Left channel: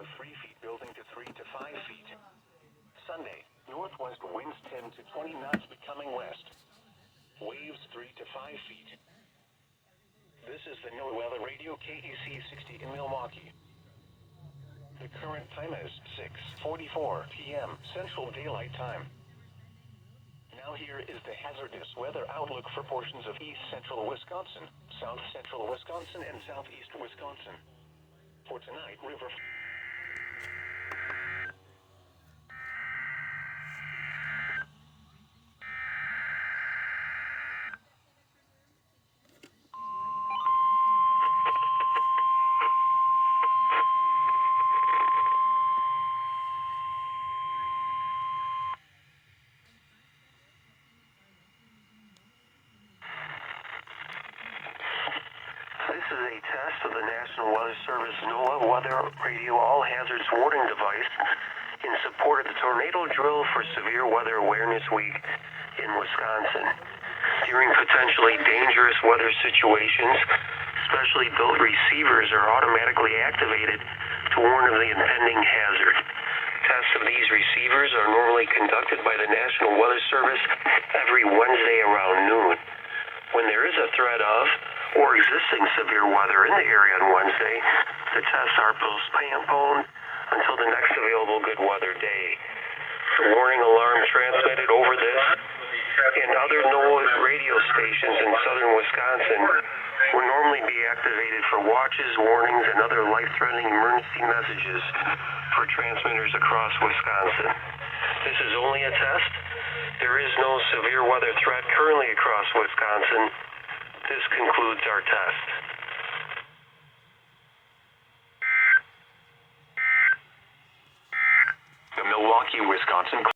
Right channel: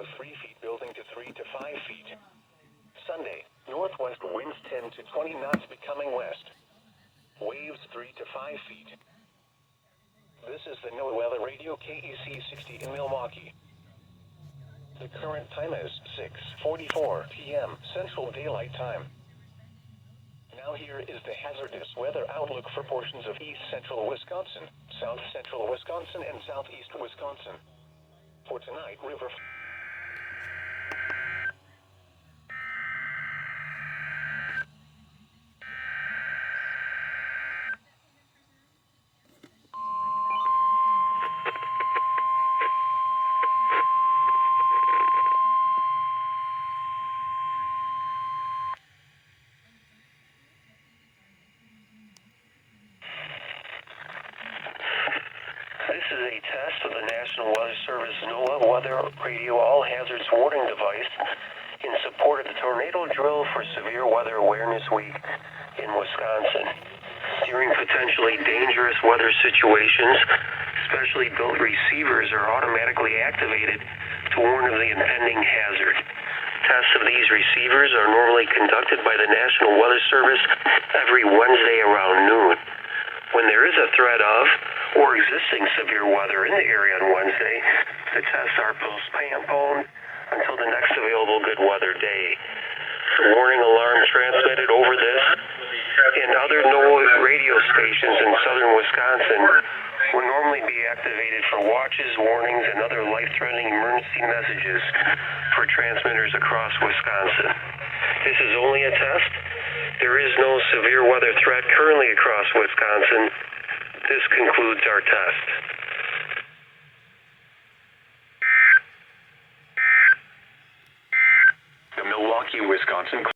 of 3 feet building to 3 to 5 feet. Sunday, northwest winds 10 to 20 knots becoming west. Waves 3 to 5 feet. This is the NOAA Weather Radio KEC-60 in Milwaukee. The current time is 6:44 p.m. Central Daylight Time. Now here is the hazardous weather outlook for portions of east central Wisconsin, south central Wisconsin, and southeast Wisconsin. For tonight, river... This is a test of the National Weather Service NOAA Weather Radio All Hazards Warning Device in support of the tornado drill for Severe Weather Awareness Week in Wisconsin. During potentially dangerous weather situations, specially built receivers are automatically activated to warn of the impending hazard. Tests of these receivers are normally conducted by the National Weather Service every Wednesday around noon. When there is a threat of or existing severe weather in the area on Wednesday, the tests are postponed until the next available good weather day. The warning alarm transmitted over this and other NOAA radio stations in southern Wisconsin will normally be activated for watches, warnings, and other life-threatening emergency messages for transmitters across Wisconsin. This is only a test. There is no severe weather threat currently across Wisconsin. This concludes our test. The Milwaukee, Wisconsin